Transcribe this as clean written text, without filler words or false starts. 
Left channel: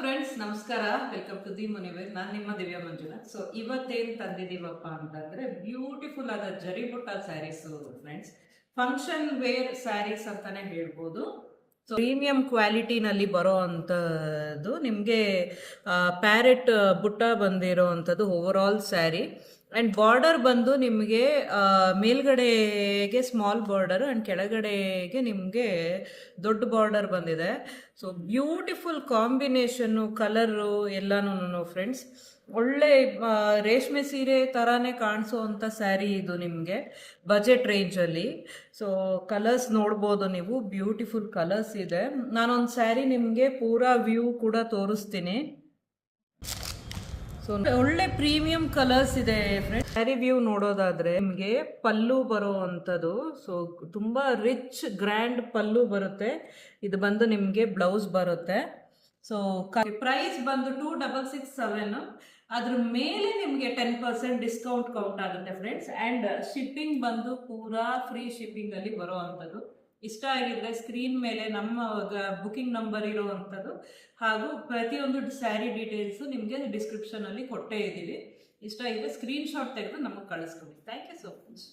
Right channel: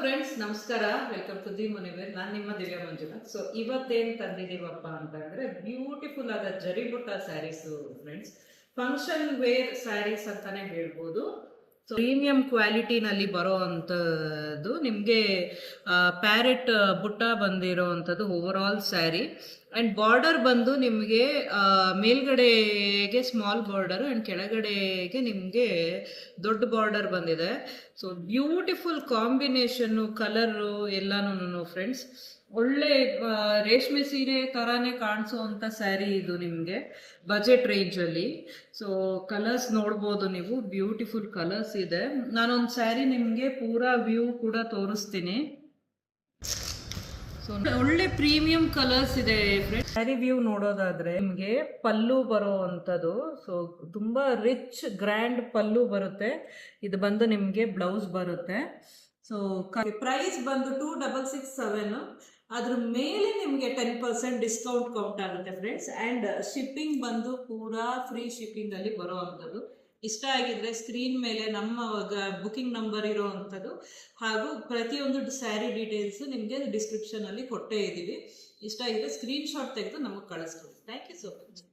Friends, ನಮಸ್ಕಾರ. Welcome to the ಮುನಿವೇರ್. ನಾನು ನಿಮ್ಮ ದಿವ್ಯಾ ಮಂಜುನಾಥ್. ಸೊ ಇವತ್ತೇನು ತಂದಿದ್ದೀವಪ್ಪ ಅಂತಂದ್ರೆ ಬ್ಯೂಟಿಫುಲ್ ಆದ ಜರಿಬುಟ್ಟ sarees friends. Function wear sarees ಅಂತಾನೆ ಹೇಳ್ಬೋದು. ಸೊ ಪ್ರೀಮಿಯಂ ಕ್ವಾಲಿಟಿನಲ್ಲಿ ಬರೋ ಅಂಥದ್ದು ನಿಮಗೆ ಪ್ಯಾರೆಟ್ ಬುಟ್ಟ ಬಂದಿರೋ ಅಂಥದ್ದು over all sari. And border ಬಂದು ನಿಮಗೆ ಮೇಲ್ಗಡೆಗೆ ಸ್ಮಾಲ್ ಬಾರ್ಡರ್ ಆ್ಯಂಡ್ ಕೆಳಗಡೆಗೆ ನಿಮಗೆ ದೊಡ್ಡ ಬಾರ್ಡರ್ ಬಂದಿದೆ. ಸೊ ಬ್ಯೂಟಿಫುಲ್ ಕಾಂಬಿನೇಷನ್ನು, ಕಲರು ಎಲ್ಲನೂ ಫ್ರೆಂಡ್ಸ್ ಒಳ್ಳೆ ರೇಷ್ಮೆ ಸೀರೆ ಥರನೇ ಕಾಣಿಸೋ ಅಂಥ ಸ್ಯಾರಿ ಇದು ನಿಮಗೆ ಬಜೆಟ್ ರೇಂಜಲ್ಲಿ. ಸೊ ಕಲರ್ಸ್ ನೋಡ್ಬೋದು ನೀವು, ಬ್ಯೂಟಿಫುಲ್ ಕಲರ್ಸ್ ಇದೆ. ನಾನೊಂದು ಸ್ಯಾರಿ ನಿಮಗೆ ಪೂರಾ ವ್ಯೂ ಕೂಡ ತೋರಿಸ್ತೀನಿ. ಸೊ ಒಳ್ಳೆ ಪ್ರೀಮಿಯಂ ಕಲರ್ಸ್ ಇದೆ ಫ್ರೆಂಡ್ಸ್. ಸ್ಯಾರಿ ವ್ಯೂ ನೋಡೋದಾದ್ರೆ ನಿಮಗೆ ಪಲ್ಲು ಬರೋ ಅಂಥದ್ದು. ಸೊ ತುಂಬ ರಿಚ್ ಗ್ರ್ಯಾಂಡ್ ಪಲ್ಲು ಬರುತ್ತೆ. ಇದು ಬಂದು ನಿಮಗೆ ಬ್ಲೌಸ್ ಬರುತ್ತೆ. ಸೊ ಪ್ರೈಸ್ ಬಂದು 2667. ಅದ್ರ ಮೇಲೆ ನಿಮಗೆ 10% ಡಿಸ್ಕೌಂಟ್ ಕೌಂಟ್ ಆಗುತ್ತೆ ಫ್ರೆಂಡ್ಸ್. ಆ್ಯಂಡ್ ಶಿಪ್ಪಿಂಗ್ ಬಂದು ಪೂರಾ ಫ್ರೀ ಶಿಪ್ಪಿಂಗಲ್ಲಿ ಬರೋ ಅಂಥದ್ದು. ಇಷ್ಟ ಆಗಿದ್ರೆ ಸ್ಕ್ರೀನ್ ಮೇಲೆ ನಮ್ಮ ಬುಕಿಂಗ್ ನಂಬರ್ ಇರೋ ಅಂಥದ್ದು ಹಾಗೂ ಪ್ರತಿಯೊಂದು ಸ್ಯಾರಿ ಡೀಟೇಲ್ಸು ನಿಮಗೆ ಡಿಸ್ಕ್ರಿಪ್ಷನಲ್ಲಿ ಕೊಟ್ಟೇ ಇದ್ದೀವಿ. ಇಷ್ಟ ಆಗಿದ್ರೆ ಸ್ಕ್ರೀನ್ಶಾಟ್ ತೆಗೆದು ನಮಗೆ ಕಳಿಸ್ಕೊಡಿ. Thank you so much.